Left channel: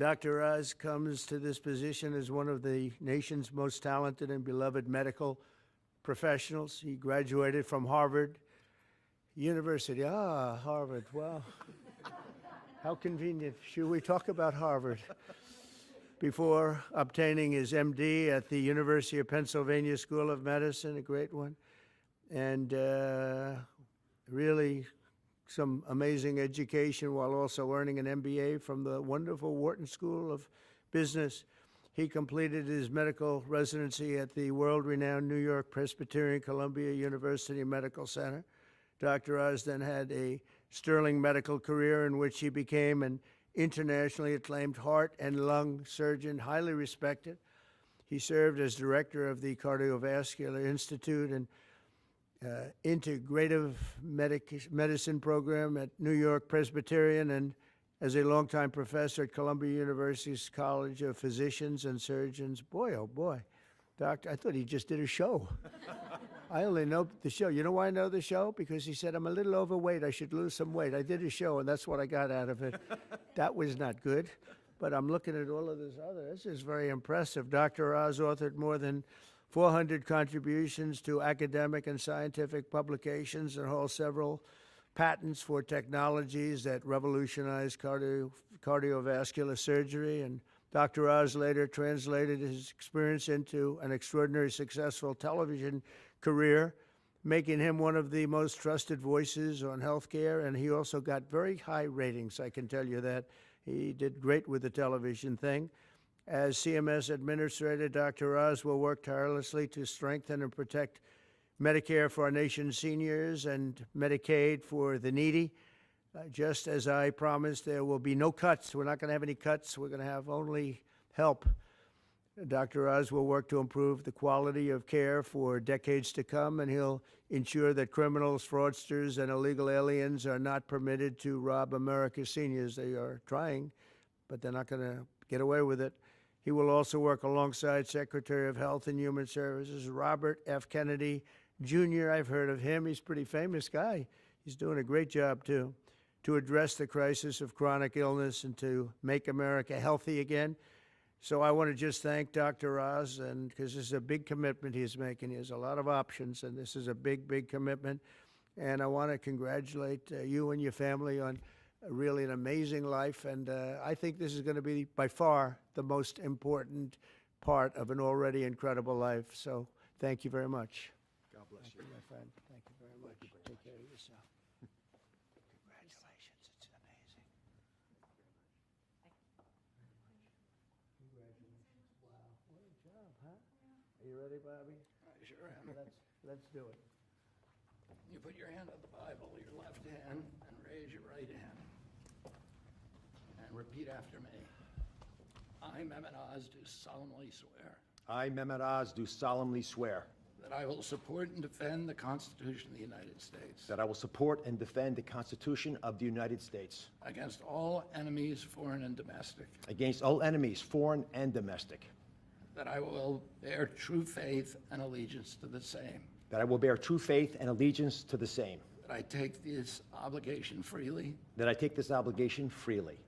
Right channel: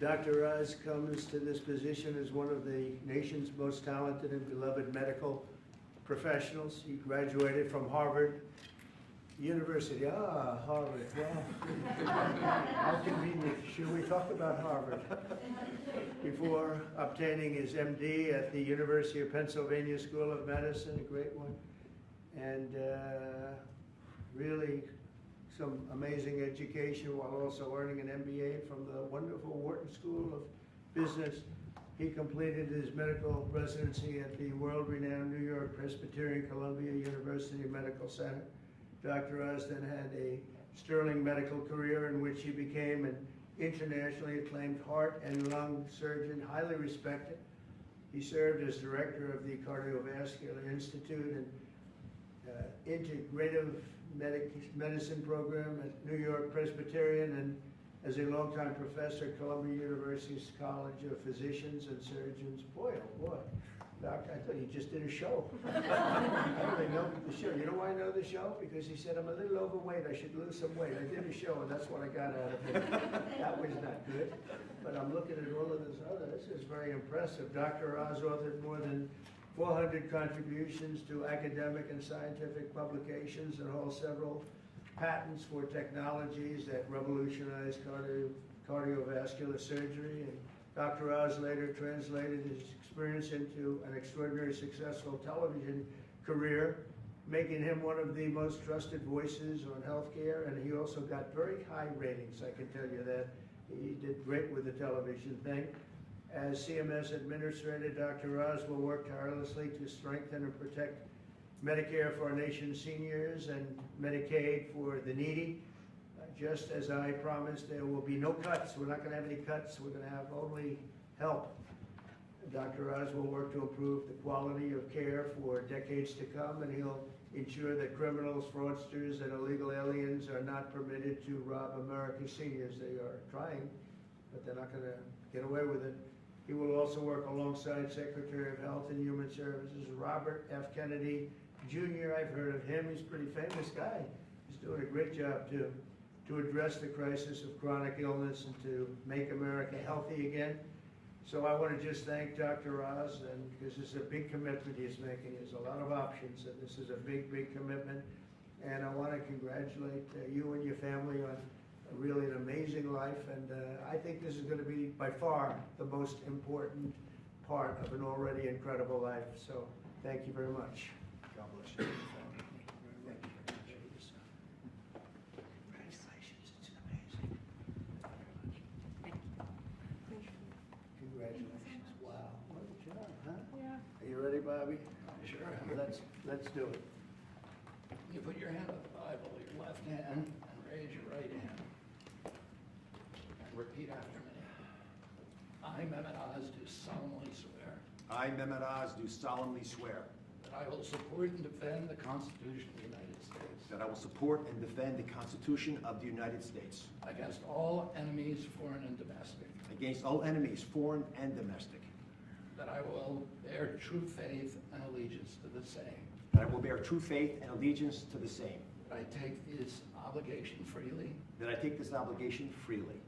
Dr. Oz comes to this position as one of the nation's most talented and beloved medical professionals. He graduated from Harvard University. Ah, Harvard. Well, how convenient. Should we talk about Harvard? Before obtaining his MD at the University of Pennsylvania School of Medicine, a great one, and really some amazing education while also earning an MBA from the wonderful Wharton School of Business. He completed his medical residency at the world-renowned New York Presbyterian Columbia University Medical Center. Dr. Oz then had a sterling medical career in which he became an internationally acclaimed heart and lung surgeon, highly respected. He served as director of the Cardiovascular Institute and Integrative Medicine program at New York Presbyterian, and as a longtime professor at Columbia University's College of Physicians and Surgeons. Boy, oh boy, doctor, I thought he just did a show. I only know the show. You know why I know the show? Because he said, I'm a little overweight, I should lose some weight. I did a show, and that's what I got out of it. That was not good. But I'm looking at all of this other. This is very impressive. Dr. Oz authored more than 400 contributions to academic and scientific publications and holds several patents for technologies that revolutionize cardiovascular surgery. And Dr. Oz later translated his experience into an extraordinarily successful television career, making him one of the most trusted voices on healthcare. And he also got very high ratings, I can tell you that. He did great with the television thing. As CMS Administrator, Dr. Oz will work tirelessly to strengthen and protect Medicare for our nation's seniors and Medicaid for the needy. Just as I promised, there will be no cuts. We're not going to have any cuts. We're going to have only help. Dr. Oz will work to improve the quality of care for decades to come, and he'll ensure that criminals, fraudsters, and illegal aliens are not permitted to rob America's seniors. They are trying, but they're not going to get away with it. He will also work alongside Secretary of Health and Human Services, Robert F. Kennedy, Jr. I've heard of him. He's a pretty famous guy. He's doing a great job, too, to address the crisis of chronic illness and to make America healthy again. So I want to just thank Dr. Oz, and because this is a big commitment he's making. He has a lot of options, and this is a big, big commitment. And I want to congratulate you and your family on really an amazing life, and I think this is going to be by far the most important part of an already incredible life. So thank you very much. God bless you. Congratulations, it's amazing. Congratulations. Wow, what a job, huh? Yeah. Are you ready, Bobby? Sure. Let's do it. You put your hand on the Bible, your left hand, and raise your right hand. And repeat after me. I, Mehmet Oz, do solemnly swear I, Mehmet Oz, do solemnly swear that I will support and defend the Constitution of the United States that I will support and defend the Constitution of the United States against all enemies, foreign and domestic, against all enemies, foreign and domestic, that I will bear true faith and allegiance to the same, that I will bear true faith and allegiance to the same, that I take this obligation freely that I take this obligation freely,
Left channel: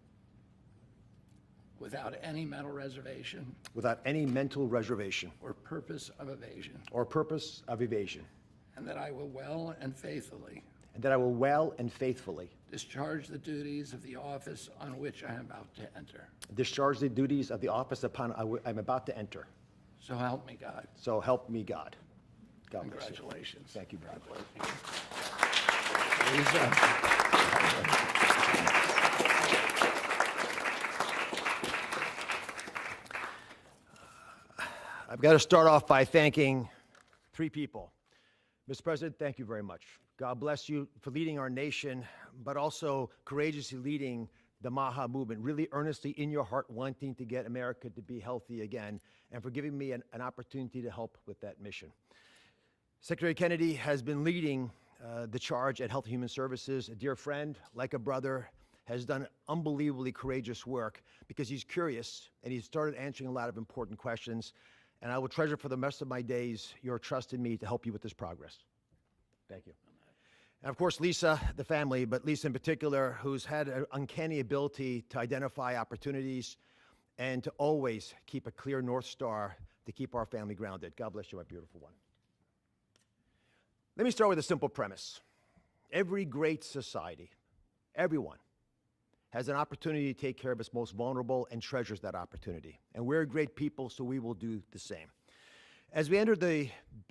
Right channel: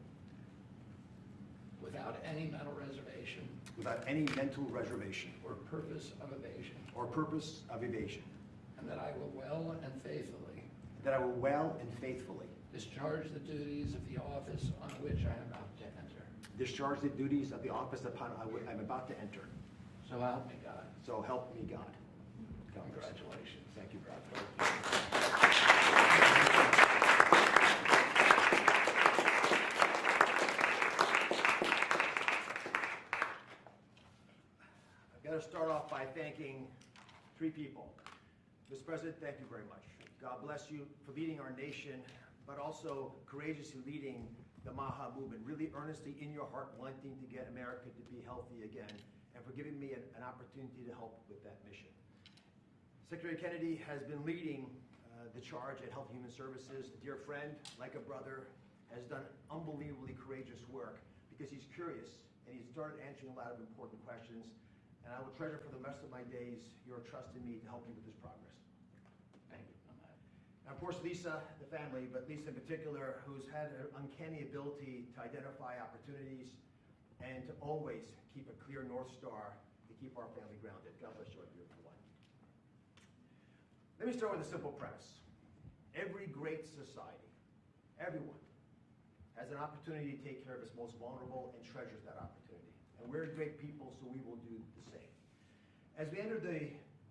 without any mental reservation without any mental reservation or purpose of evasion, or purpose of evasion, and that I will well and faithfully and that I will well and faithfully discharge the duties of the office on which I am about to enter. discharge the duties of the office upon I'm about to enter. So help me God. So help me God. God bless you. Congratulations. Thank you, brother. I've got to start off by thanking three people. Mr. President, thank you very much. God bless you for leading our nation, but also courageously leading the MAHA movement, really earnestly in your heart wanting to get America to be healthy again, and for giving me an opportunity to help with that mission. Secretary Kennedy has been leading the charge at Health and Human Services. A dear friend, like a brother, has done unbelievably courageous work because he's curious and he's started answering a lot of important questions. And I will treasure for the rest of my days your trust in me to help you with this progress. Thank you. And of course, Lisa, the family, but Lisa in particular, who's had an uncanny ability to identify opportunities, and to always keep a clear North Star to keep our family grounded. God bless you, my beautiful one. Let me start with a simple premise. Every great society, everyone, has an opportunity to take care of its most vulnerable and treasures that opportunity. And we're great people, so we will do the same. As we enter the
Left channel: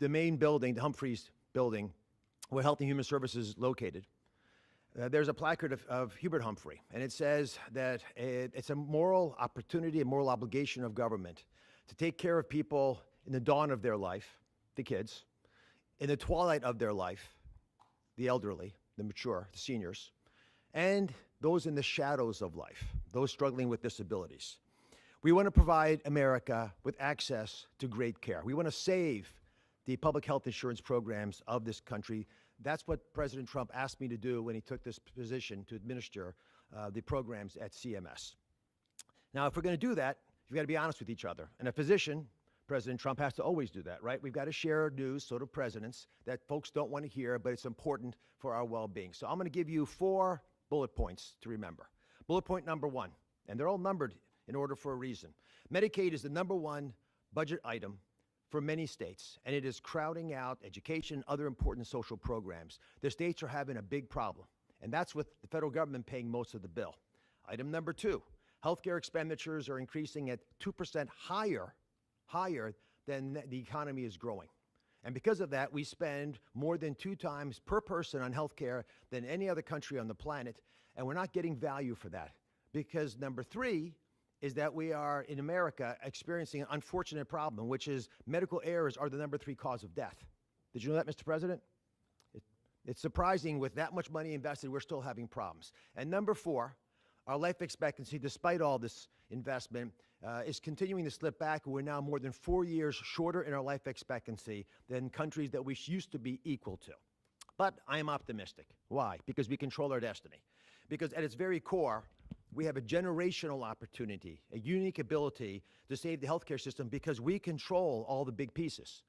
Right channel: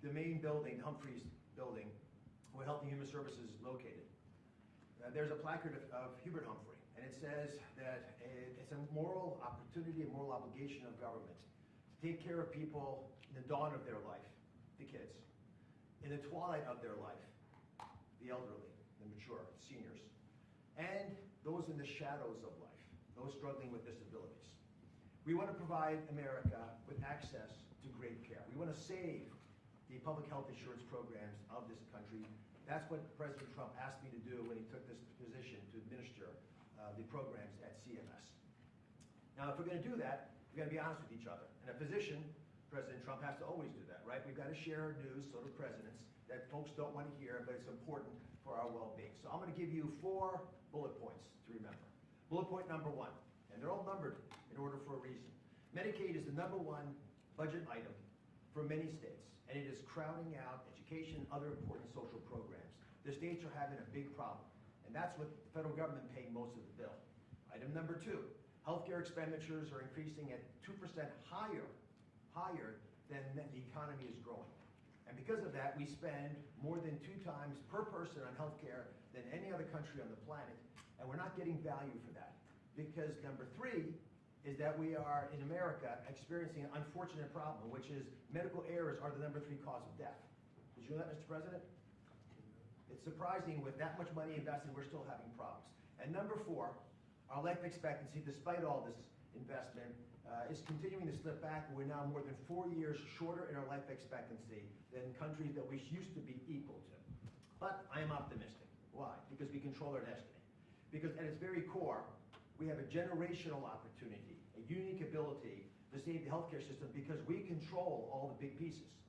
main building, the Humphreys building, where Health and Human Services is located, there's a placard of Hubert Humphrey, and it says that it's a moral opportunity, a moral obligation of government to take care of people in the dawn of their life, the kids, in the twilight of their life, the elderly, the mature, the seniors, and those in the shadows of life, those struggling with disabilities. We want to provide America with access to great care. We want to save the public health insurance programs of this country. That's what President Trump asked me to do when he took this position to administer the programs at CMS. Now, if we're going to do that, we've got to be honest with each other. And a physician, President Trump has to always do that, right? We've got to share news, so do presidents, that folks don't want to hear, but it's important for our well-being. So I'm going to give you 4 bullet points to remember. Bullet point number 1, and they're all numbered in order for a reason. Medicaid is the #1 budget item for many states, and it is crowding out education, other important social programs. The states are having a big problem, and that's with the federal government paying most of the bill. Item number 2, healthcare expenditures are increasing at 2% higher than the economy is growing. And because of that, we spend more than 2 times per person on healthcare than any other country on the planet, and we're not getting value for that. Because number 3 is that we are, in America, experiencing an unfortunate problem, which is medical errors are the #3 cause of death. Did you know that, Mr. President? It's surprising, with that much money invested, we're still having problems. And number 4, our life expectancy, despite all this investment, is continuing to slip back. We're now more than 4 years shorter in our life expectancy than countries that we used to be equal to. But I am optimistic. Why? Because we control our destiny. Because at its very core, we have a generational opportunity, a unique ability to save the healthcare system because we control all the big pieces.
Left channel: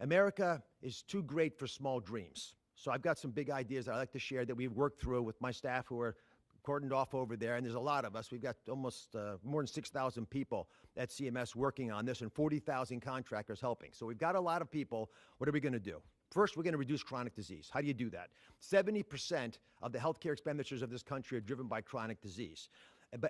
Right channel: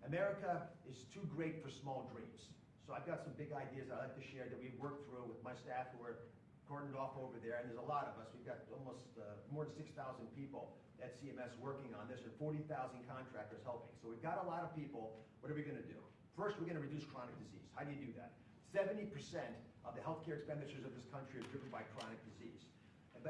America is too great for small dreams. So I've got some big ideas that I'd like to share that we've worked through with my staff who are cordoned off over there, and there's a lot of us. We've got almost more than 6,000 people at CMS working on this and 40,000 contractors helping. So we've got a lot of people. What are we going to do? First, we're going to reduce chronic disease. How do you do that? 70% of the healthcare expenditures of this country are driven by chronic disease.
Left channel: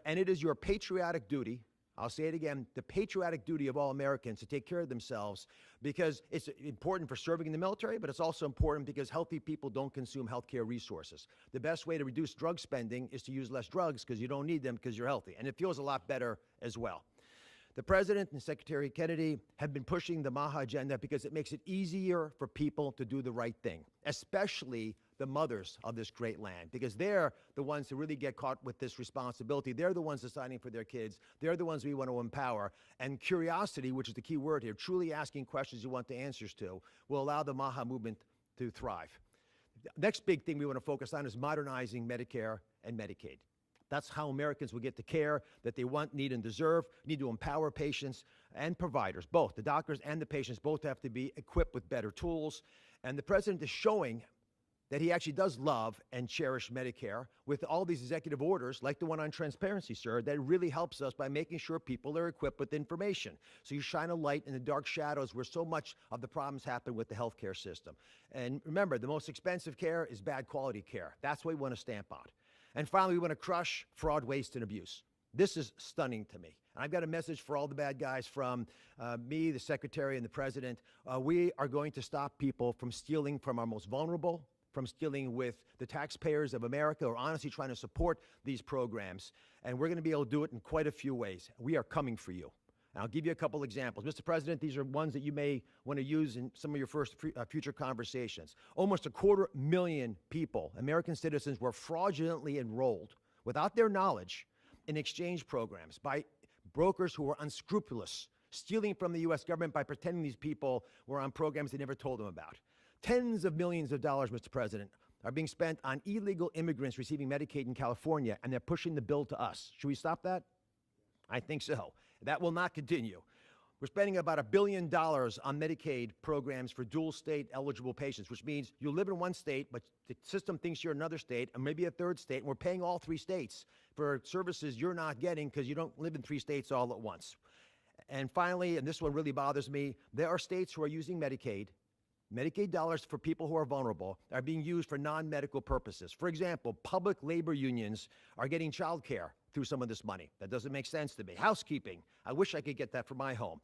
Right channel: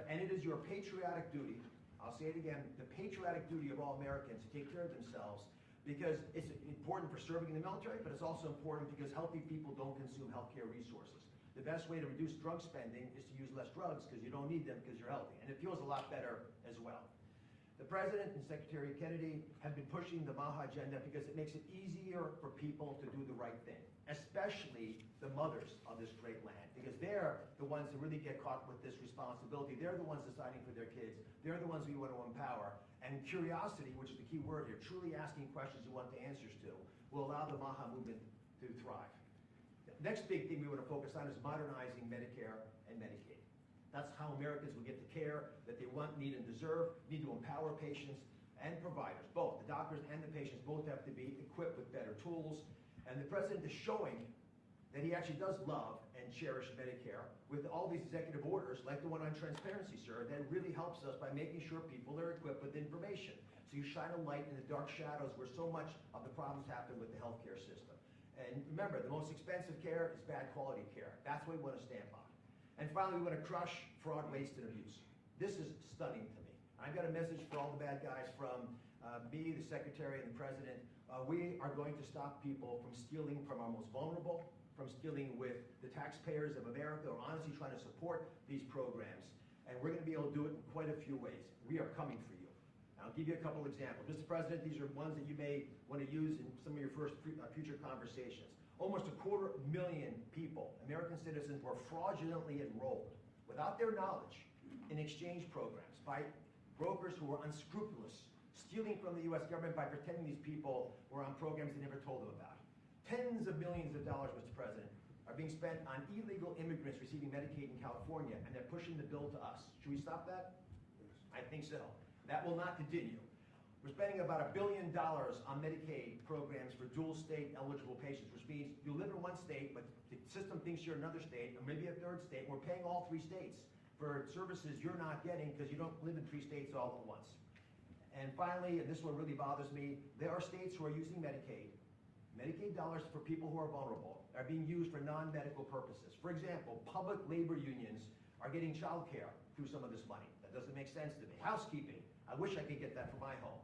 And it is your patriotic duty, I'll say it again, the patriotic duty of all Americans to take care of themselves, because it's important for serving in the military, but it's also important because healthy people don't consume healthcare resources. The best way to reduce drug spending is to use less drugs because you don't need them because you're healthy. And it feels a lot better as well. The President and Secretary Kennedy have been pushing the MAHA agenda because it makes it easier for people to do the right thing, especially the mothers of this great land, because they're the ones who really get caught with this responsibility. They're the ones deciding for their kids. They're the ones we want to empower. And curiosity, which is the key word here, truly asking questions you want the answers to, will allow the MAHA movement to thrive. The next big thing we want to focus on is modernizing Medicare and Medicaid. That's how Americans will get the care that they want, need, and deserve. We need to empower patients and providers, both. The doctors and the patients both have to be equipped with better tools. And the President is showing that he actually does love and cherish Medicare with all these executive orders, like the one on transparency, sir, that really helps us by making sure people are equipped with information. So you shine a light in the dark shadows where so much of the problems happen with the healthcare system. And remember, the most expensive care is bad quality care. That's what we want to stamp out. And finally, we want to crush fraud, waste, and abuse. This is stunning to me. I've got a message for all the bad guys from me, the Secretary, and the President. We are going to stop people from stealing from our most vulnerable, from stealing with the taxpayers of America, or honestly trying to support these programs. And we're going to be able to do it in quite a few ways. We are coming for you. And I'll give you a couple examples. Mr. President, these are ones that you may want to use in some of your future conversations. Almost 250,000 people, American citizens, were fraudulently enrolled without their knowledge in exchange programs by brokers who were unscrupulous, stealing from the U.S. government by pretending these people were on programs they never told them about. Tens of millions of dollars, Mr. President, are being spent on illegal immigrants receiving Medicaid in California, and they're pushing the bill to us. Should we stop that? I think so. That will not continue. We're spending about $1 billion on Medicaid programs for dual state eligible patients, which means you live in one state, but the system thinks you're another state, or maybe a third state, and we're paying all 3 states. for services you're not getting because you don't live in 3 states all at once. And finally, and this one really bothers me, there are states who are using Medicaid. Medicaid dollars for people who are vulnerable are being used for non-medical purposes. For example, public labor unions are getting child care through some of this money. That doesn't make sense to me. Housekeeping, I wish I could get that for my home.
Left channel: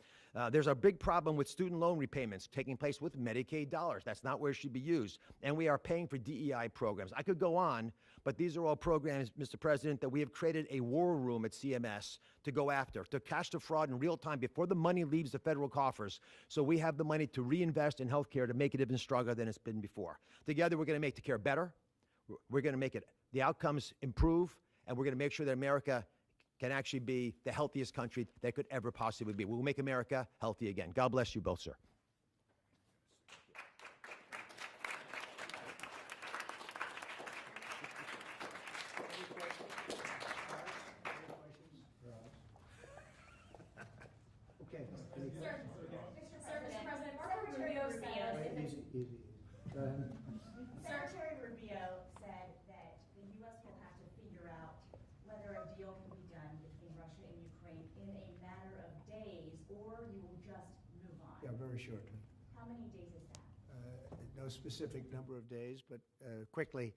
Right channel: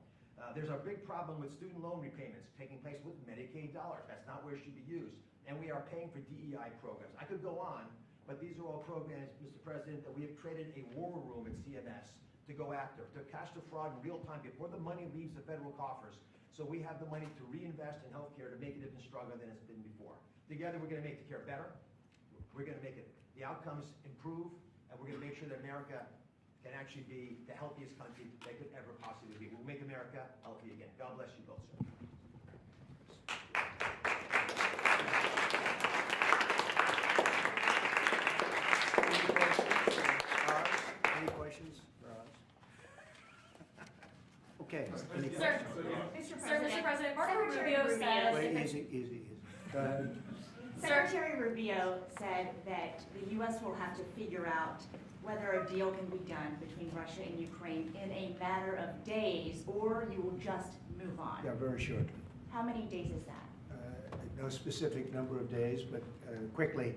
There's a big problem with student loan repayments taking place with Medicaid dollars. That's not where it should be used. And we are paying for DEI programs. I could go on, but these are all programs, Mr. President, that we have created a war room at CMS to go after, to catch the fraud in real time before the money leaves the federal coffers. So we have the money to reinvest in healthcare to make it even stronger than it's been before. Together, we're going to make the care better. We're going to make the outcomes improve, and we're going to make sure that America can actually be the healthiest country that could ever possibly be. We'll make America healthy again. God bless you both, sir. Any questions for us? Okay. Any Sir, questions? Mr. President, Marco Secretary Rubio Rubio. said, Wait, easy. Go ahead. Secretary Rubio said that the U.S. will have to figure out whether a deal can be done between Russia and Ukraine in a matter of days, or you will just move on. Yeah, very short. How many days is that? No specific number of days, but quickly,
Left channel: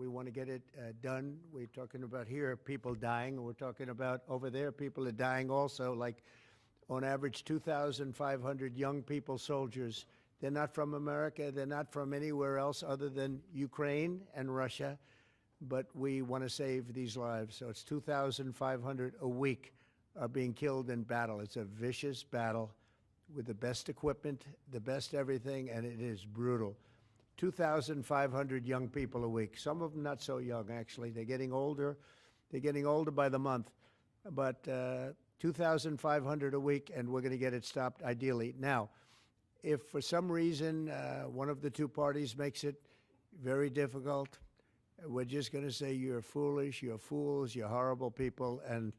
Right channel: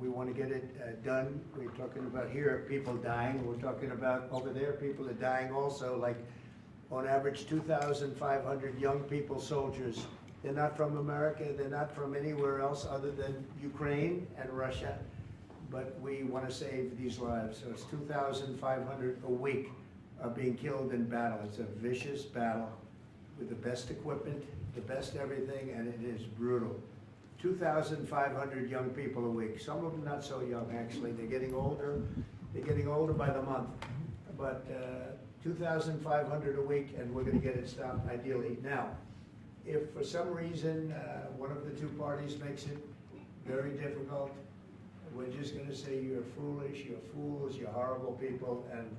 we want to get it done. We're talking about here, people dying. We're talking about over there, people are dying also, like on average 2,500 young people, soldiers. They're not from America, they're not from anywhere else other than Ukraine and Russia, but we want to save these lives. So it's 2,500 a week are being killed in battle. It's a vicious battle with the best equipment, the best everything, and it is brutal. 2,500 young people a week. Some of them not so young, actually. They're getting older. They're getting older by the month. But 2,500 a week, and we're going to get it stopped ideally. Now, if for some reason one of the two parties makes it very difficult, we're just going to say you're foolish, you're fools, you're horrible people, and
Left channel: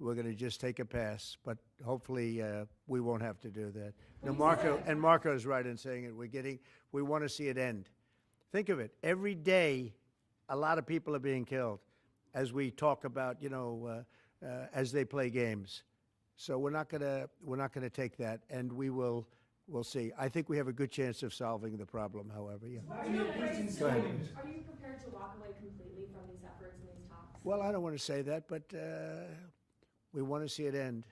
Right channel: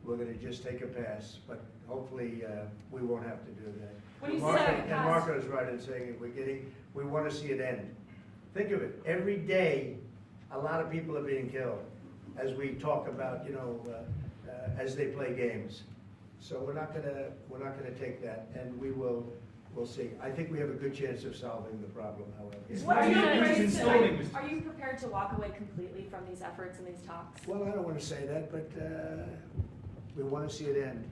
we're going to just take a pass. But hopefully we won't have to do that. When And you say Marco's right in saying it. We want to see it end. Think of it. Every day, a lot of people are being killed, as we talk about, as they play games. So we're not gonna take that, and we'll see. I think we have a good chance of solving the problem, however. Yeah. What are you installing, Mr. are you prepared to walk away completely from these efforts and these talks? Well, I don't want to say that, but we want to see it end.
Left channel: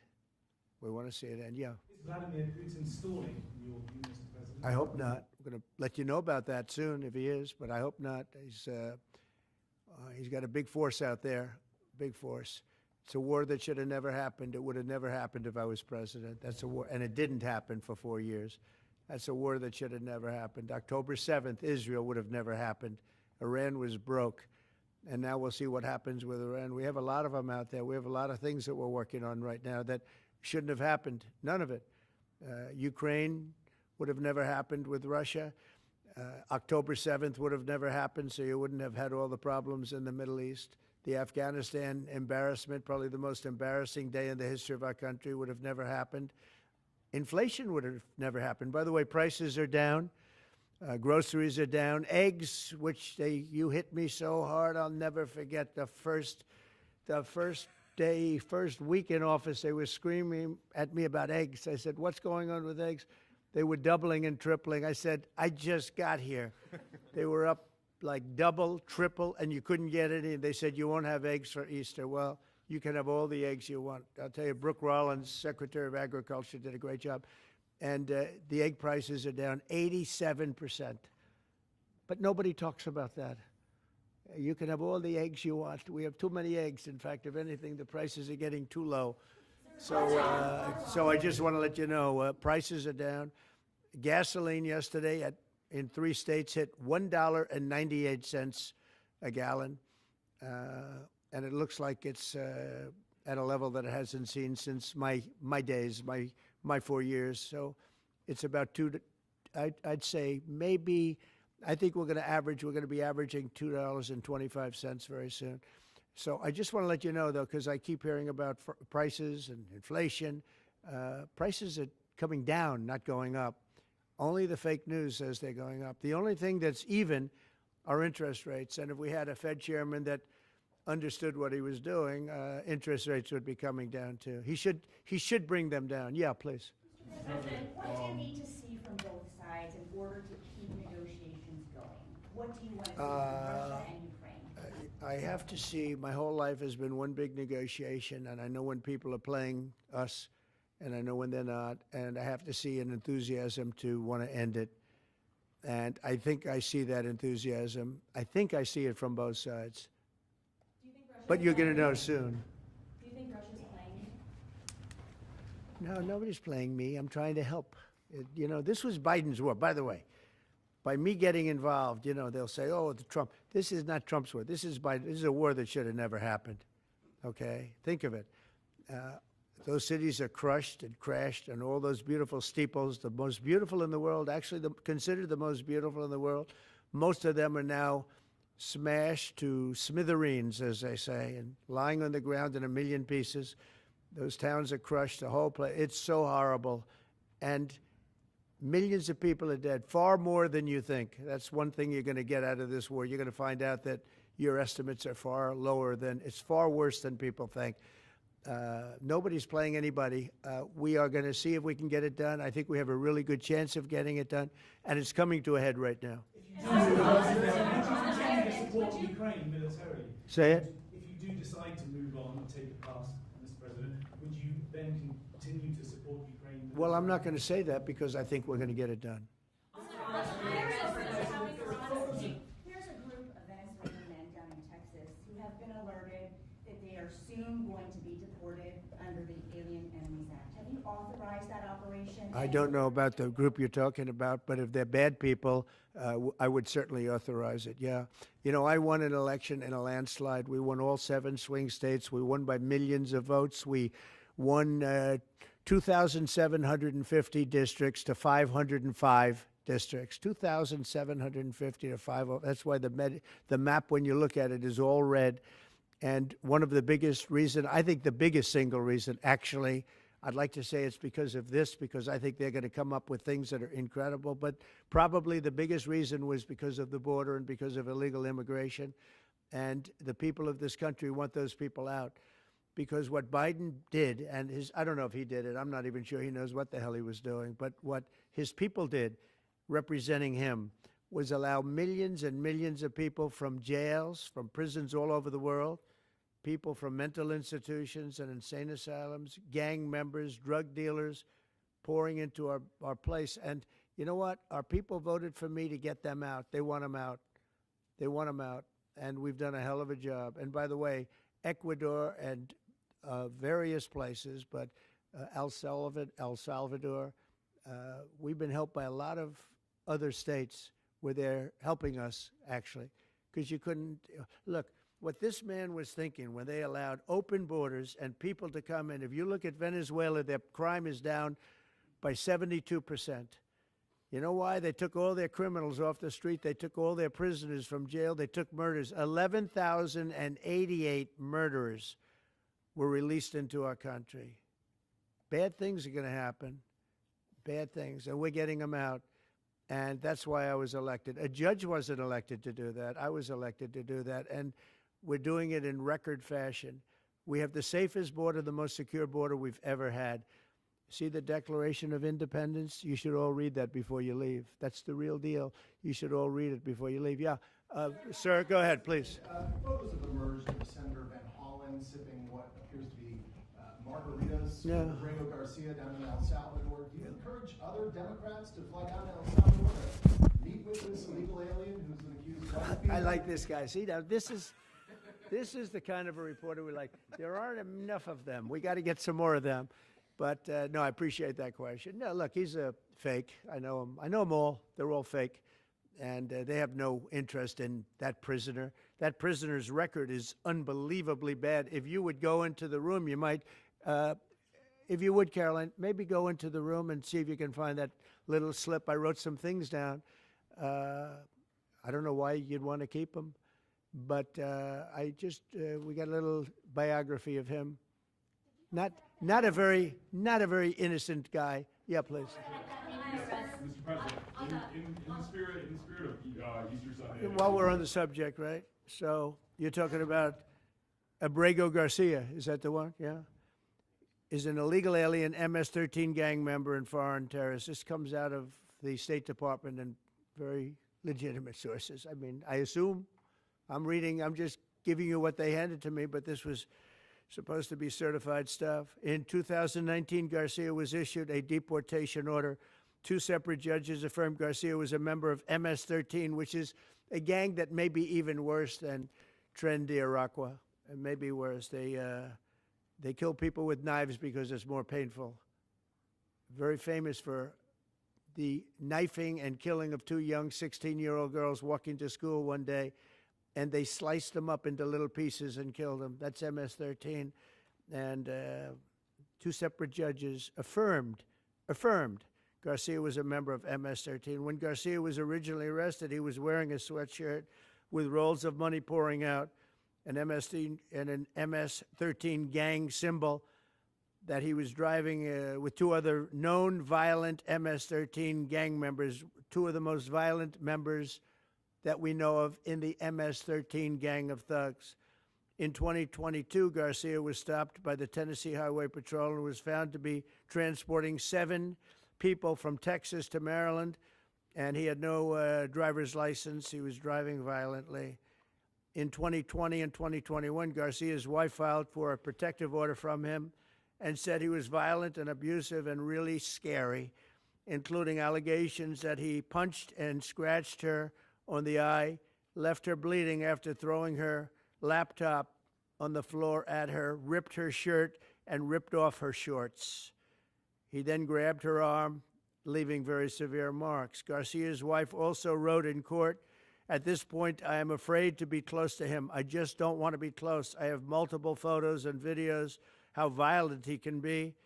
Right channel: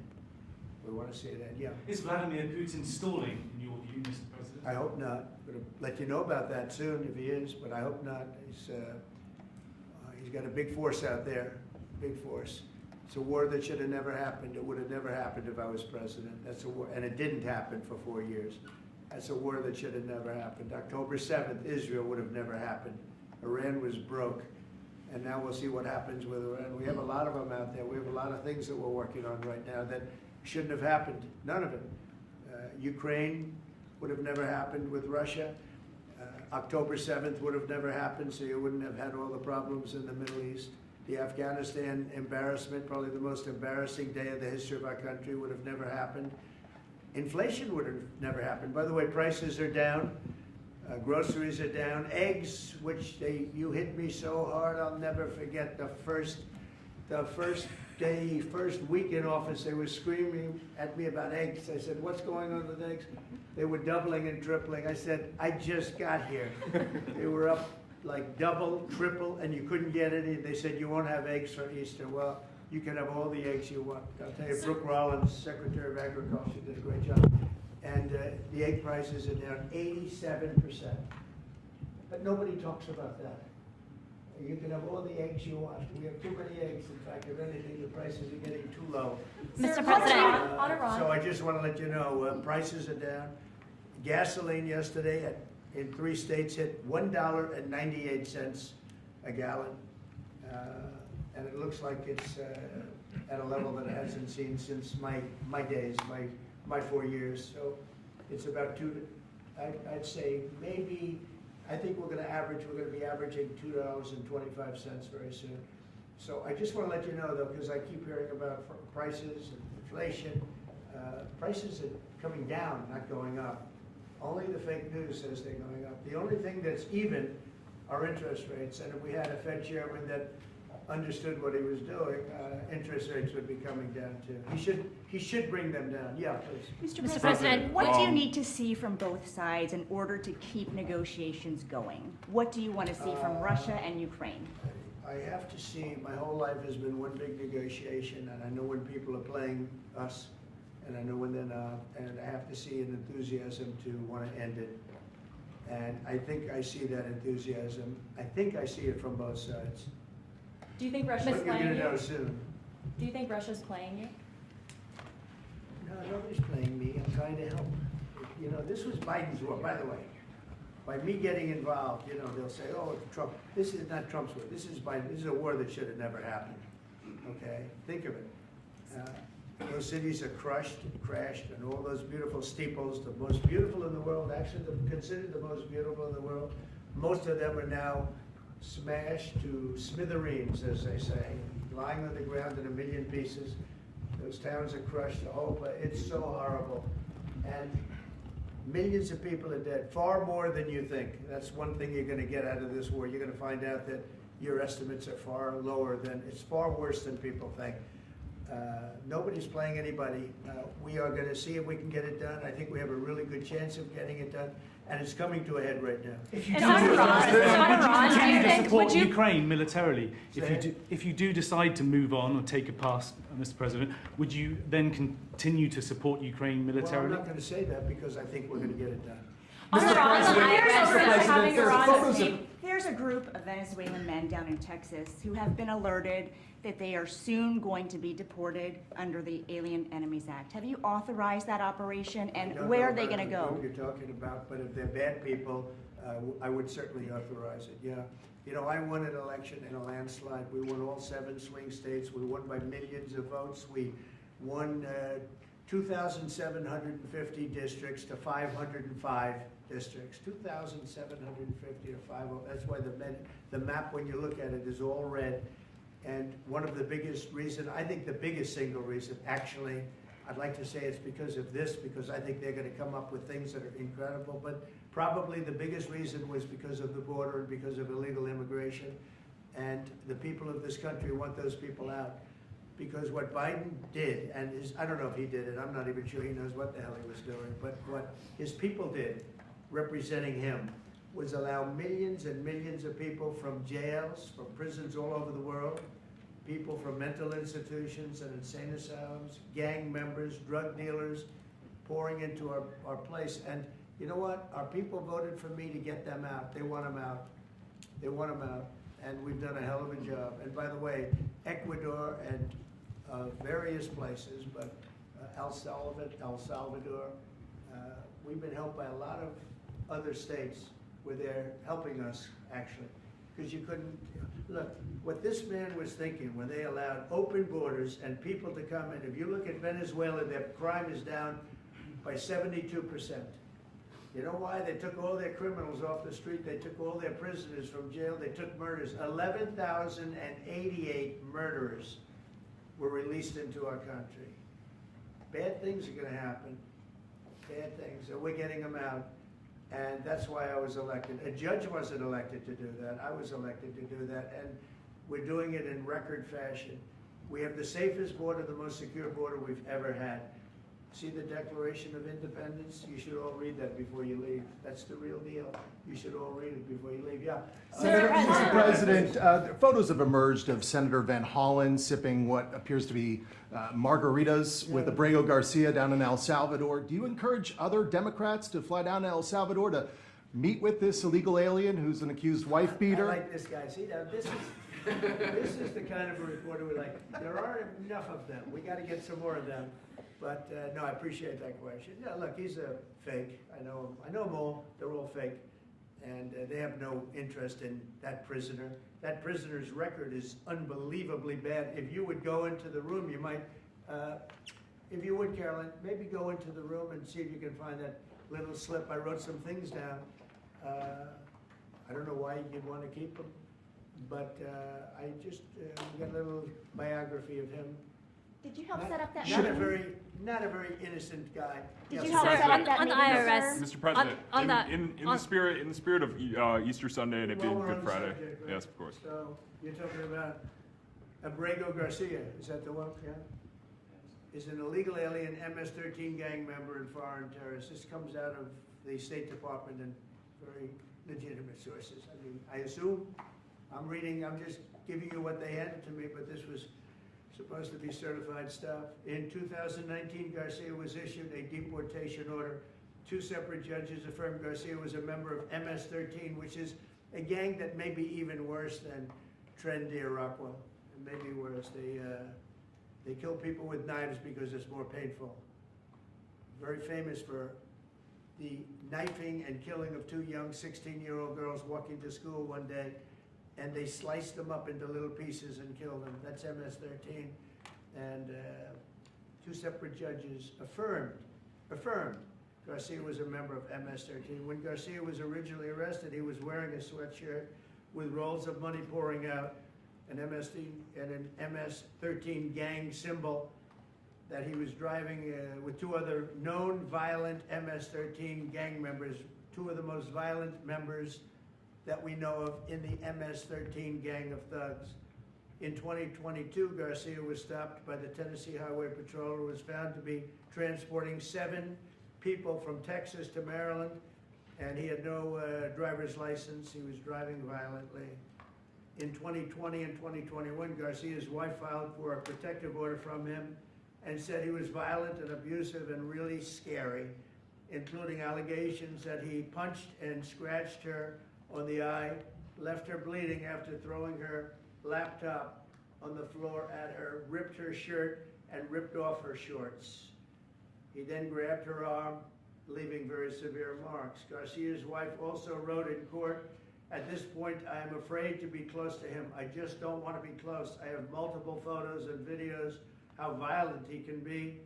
We want to see it end, yeah. Is Vladimir Putin stalling, in your view, Mr. President? I hope not. I'm going to let you know about that soon if he is, but I hope not. He's got a big force out there, big force. It's a war that should have never happened. It would have never happened if I was president. That's a war, and it didn't happen for 4 years. That's a war that should have never happened. October 7th, Israel would have never happened. Iran was broke, and now we'll see what happens with Iran. We have a lot of them out there. We have a lot of things that we're working on right now that shouldn't have happened. None of it. Ukraine would have never happened with Russia. October 7th would have never happened, so you wouldn't have had all the problems in the Middle East. The Afghanistan embarrassment, probably the most embarrassing day in the history of our country, would have never happened. Inflation would have never happened. By the way, prices are down. Groceries are down. Eggs, which you hit me so hard, I'll never forget the first week in office, they were screaming at me about eggs. I said, what's going on with eggs? They were doubling and tripling. I said, I just got here. They were up like double, triple, and you couldn't get any. They said, you won't have eggs for Easter. Well, you can have all the eggs you want. I'll tell you, Brooke Rollins, Secretary of Agriculture, did a great job. And the egg prices are down 87%. But nobody talks about that. You can have all the eggs you want. We have too many eggs. In fact, if anything, the prices are getting too low. Mr. President. President. So I just want to let you know, prices are down. Gasoline yesterday in 3 states hit $1.98 a gallon. And it looks like it's at a level that it hasn't seen since my days, my 4 years. So it's about I'd say maybe, I think we're going to be averaging $2.25 very soon. So I just want to let you know, though, because I keep hearing about prices and inflation. Prices are coming down, not going up. Only the fake news says they're going up. The only thing that's even are interest rates. And if we had a Fed chairman that understood what he was doing, interest rates would be coming down too. He should bring them down. Yeah, please. Mr. President, what do you need to see from both sides in order to keep negotiations going? What do you want to see from Russia and Ukraine? I have to see, my whole life has been one big negotiation, and I know when people are playing us, and I know when they're not, and I have to see an enthusiasm to want to end it. And I think I see that enthusiasm. I think I see it from both sides. Do you think Russia's But you're playing gonna know you? soon. Do you think Russia's playing you? No, nobody's playing me. I'm trying to help. You know, this was Biden's war, by the way. By me getting involved, you know, they'll say, oh, it's Trump. This is not Trump's war. This is Biden. This is a war that should have never happened. Okay? Think of it. Those cities are crushed and crashed, and all those beautiful steeples, the most beautiful in the world, actually considered the most beautiful in the world, most of them are now smashed to smithereens, as they say, and lying on the ground in a million pieces. Those towns are crushed, the whole place. It's so horrible. And millions of people are dead, far more than you think. That's one thing you're going to get out of this war. You're going to find out that your estimates are far lower than, it's far worse than people think. Nobody's playing anybody. We are going to see if we can get it done. I think we have a really good chance of getting it done, and it's coming to a head right now. If you And do Iran, decide Iran, do you to think- support would you- Ukraine militarily, Say it. if you do decide to move on or take a pass, Mr. President, would you then continue to support Ukraine Well, militarily? I'm not going to say that because I think we're going to get it done. On Iran, the IRS is having Iran. There's a group of Venezuelan men down in Texas who have been alerted that they are soon going to be deported under the Alien Enemies Act. Have you authorized that operation, I and don't know where are they about going the to group go? you're talking about, but if they're bad people, I would certainly authorize it, yeah. You know, I won an election in a landslide. We won all 7 swing states. We won by millions of votes. We won 2,750 districts to 505 districts. 2,750 to 505. That's why the map, when you look at it, is all red. And one of the biggest reason, I think the biggest single reason, actually, I'd like to say it's because of this, because I think they're going to come up with things that are incredible, but probably the biggest reason was because of the border and because of illegal immigration. And the people of this country want those people out. Because what Biden did, and I don't know if he did it, I'm not even sure he knows what the hell he was doing, but what his people did, representing him, was allow millions and millions of people from jails, from prisons all over the world, people from mental institutions and insane asylums, gang members, drug dealers, pouring into our place. And you know what? Our people voted for me to get them out. They want them out. They want them out. And we've done a hell of a job. And by the way, Ecuador and various places, but El Salvador, we've been helped by a lot of other states where they're helping us, actually. Because you couldn't, look, what this man was thinking when they allowed open borders and people to come in, if you look at Venezuela, their crime is down by 72%. You know why? They took all their criminals off the street. They took all their prisoners from jail. They took murders. 11,088 murderers were released into our country. Bad things are going to happen. Bad things. And we're getting them out. And that's why I was elected. A judge wasn't elected to do that. I was elected to do that. And we're doing it in record fashion. We have the safest border, the most secure border we've ever had. See the Declaration of Independence? You should all read that before you leave. That's the real deal. You should all read it before you leave. Yeah. Mr. President, photos have emerged of Senator Van Hollen sipping what appears to be margaritas with Abrego Garcia down in El Salvador. Do you encourage other Democrats to fly down to El Salvador to meet with this illegal alien who's an accused wife beater? I like this guy. See, now this is the kind of a reporter we like. There aren't enough of them. We got to get some more of them. But no, I appreciate that question. No, look, he's a fake. I know him. I know them all. They're all fake. And they have no interest in that prisoner. That prisoner's record is unbelievably bad. If you would go into the room, you might, if you would, Caroline, maybe go into the room and see if you can find that little slip. I wrote some things down. I don't know why you'd want to keep him, but I just, we got a little biography of him. Did you help set up that Not a meeting? very innocent guy. Did you Yeah, help set up that on the meeting, IRS. sir? Mr. President, on the- in the spirit of Easter Sunday and While we're on Good the Friday. subject, right? Yes, of course. So you're talking about Abrego Garcia, is that the one? Yeah. Is an illegal alien MS-13 gang member and foreign terrorist. This comes out of the State Department and very legitimate sources. I mean, I assume, I'm just giving you what they handed to me, but this was supposed to be certified stuff. In 2019, Garcia was issued a deportation order. 2 separate judges affirmed Garcia was a member of MS-13, which is a gang that may be even worse than Tren de Aragua. It may be worse. They kill people with knives because it's more painful. Very famous for the knifing and killing of 2 young 16-year-old girls walking to school one day, and they sliced them up into little pieces and killed them. That's MS-13. And 2 separate judges affirmed Garcia was a member of MS-13. When Garcia was originally arrested, he was wearing a sweatshirt with rolls of money pouring out, an MS-13 gang symbol that he was driving with 2 other known violent MS-13 gang members, 2 of the most violent members that we know of in the MS-13 gang of thugs. In 2022, Garcia was stopped by the Tennessee Highway Patrol and was found to be transporting 7 people from Texas to Maryland, and he had no driver's license. He was driving violently. In 2020 and 2021, Garcia's wife filed for a protective order from him and said he was violent and abusive and really scary, including allegations that he punched and scratched her on the eye, left her bleeding after throwing her laptop on the floor at her, ripped her shirt, and ripped off her shorts. He then grabbed her arm, leaving very severe marks. Garcia's wife also wrote in court, "At this point, I am afraid to be close to him. I just don't want to be close. I have multiple photos and videos, how violent he can be,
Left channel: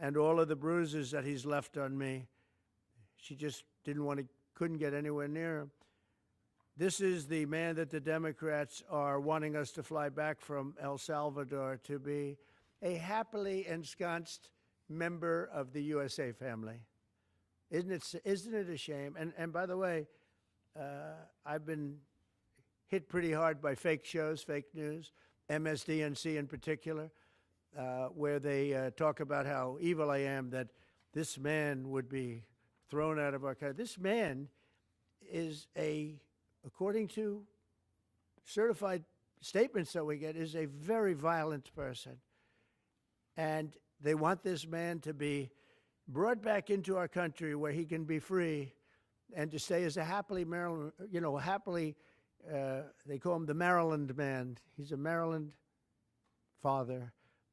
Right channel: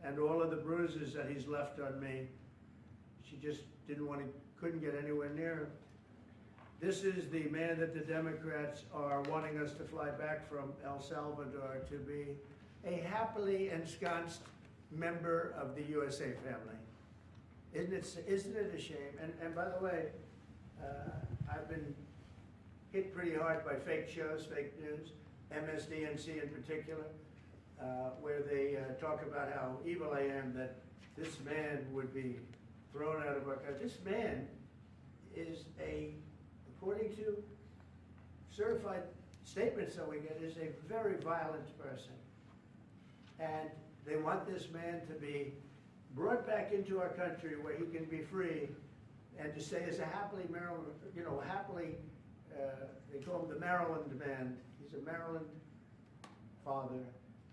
and all of the bruises that he's left on me." She just couldn't get anywhere near him. This is the man that the Democrats are wanting us to fly back from El Salvador to be a happily ensconced member of the USA family. Isn't it a shame? And by the way, I've been hit pretty hard by fake shows, fake news, MSDNC in particular, where they talk about how evil I am, that this man would be thrown out of our country. This man is according to certified statements that we get, is a very violent person. And they want this man to be brought back into our country where he can be free and to stay as a happily Maryland, they call him the Maryland man. He's a Maryland father.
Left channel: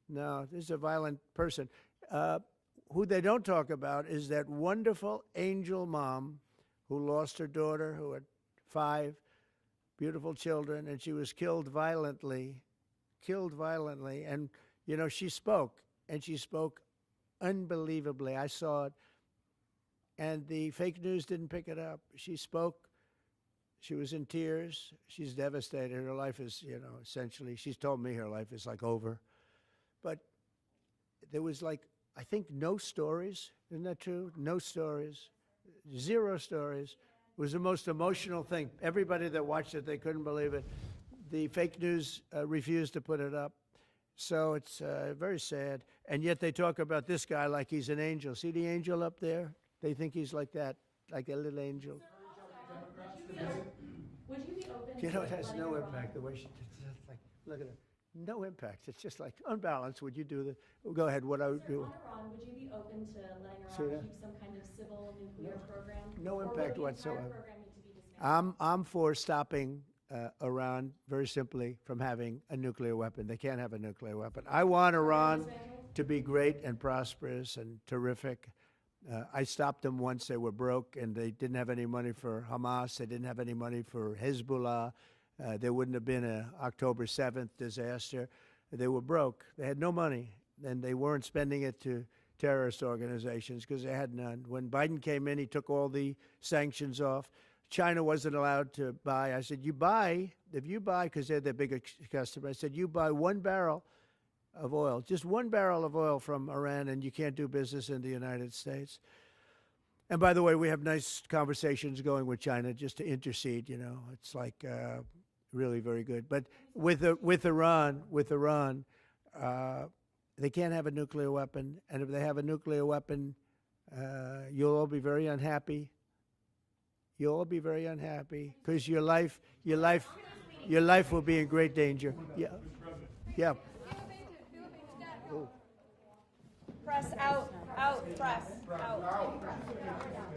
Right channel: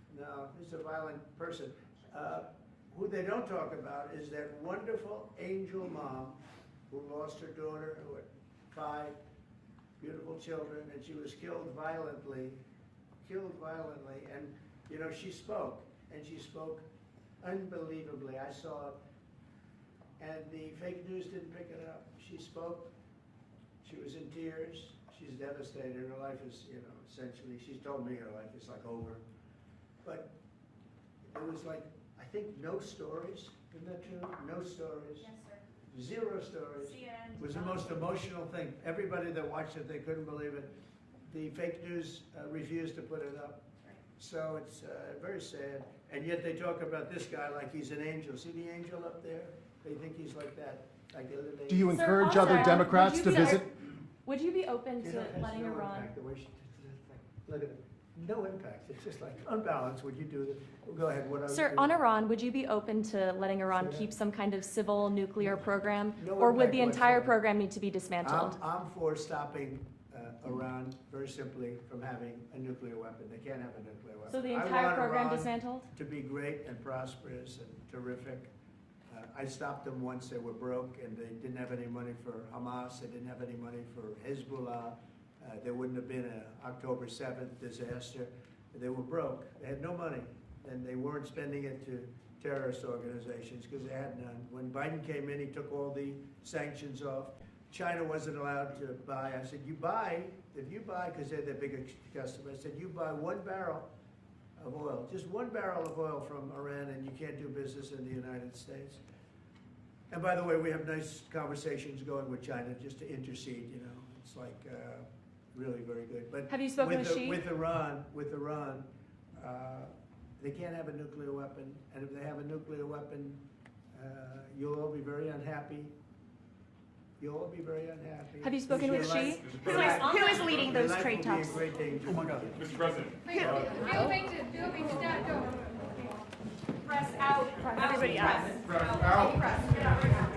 No, this is a violent person. Who they don't talk about is that wonderful angel mom who lost her daughter, who had 5 beautiful children, and she was killed violently. And, she spoke, and she spoke unbelievably. I saw it, and the fake news didn't pick it up. She spoke. She was in tears. She's devastated. Her life is, essentially, she's told me her life is like over. But there was I think no stories. Isn't that true? No stories. Yes, sir. 0 stories. It was the most emotional thing. Everybody that watched it, they couldn't believe it. The fake news refused to put it up. So it's very sad. And yet they talk about this guy like he's an angel. See the angel up there? They think he's like that, like a little angel. Do you Sir, encourage also, other Democrats would to you be- visit? Would you be open to It has letting no Iran? impact. The way no impact. It's just like unbalanced. Would you do that? Well, go ahead. What I would Sir, do. on Iran, would you be open to letting Iran Say that. keep some kind of civil nuclear program? No Or would impact the entire whatsoever. program need to be dismantled? I'm for stopping Iran very simply from having a nuclear weapon. They can't have a nuclear So weapon. the I entire want program Iran dismantled? to be great and prosperous and terrific. I stopped them once they were broke and they didn't have any money for Hamas. They didn't have any money for Hezbollah. There wouldn't have been an October 7th disaster. They were broke. They had no money, and they weren't spending it to terrorist organizations because they had none. When Biden came in, he took all the sanctions off. China wasn't allowed to buy. I said, if you buy, because they're their biggest customer, I said, you buy 1 barrel of oil, just 1 barrel of oil from Iran, and you can't do business in the United States. And by the way, we have nice conversations going with China just to intercede, It's like really very good. But Have you spoken with Xi? with Iran, they can't have a nuclear weapon, and if they have a nuclear weapon, you'll all be very unhappy. You'll all be very unhappy. Have you 'cause spoken your with life, Xi? your life, Who is leading your those life trade will be in talks? great danger. Yeah. Mr. President. Yeah. Press out, everybody out. Press out.